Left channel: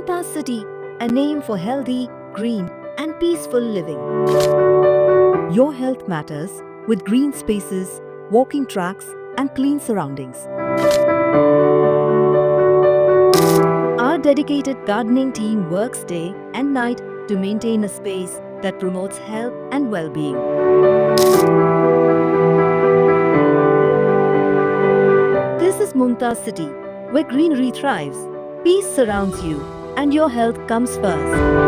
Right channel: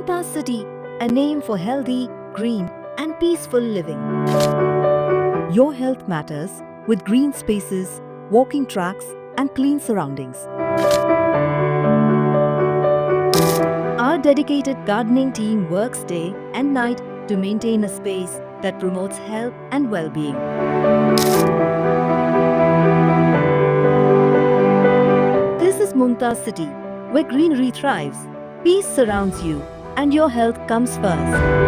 Mumtaz City, a name for healthy, green and peaceful living. Your health matters with green spaces, walking tracks and clean surroundings. Our dedicated gardening team works day and night to maintain a space that promotes health and well-being. This is Mumtaz City, where greenery thrives, peace surrounds you, and your health comes first.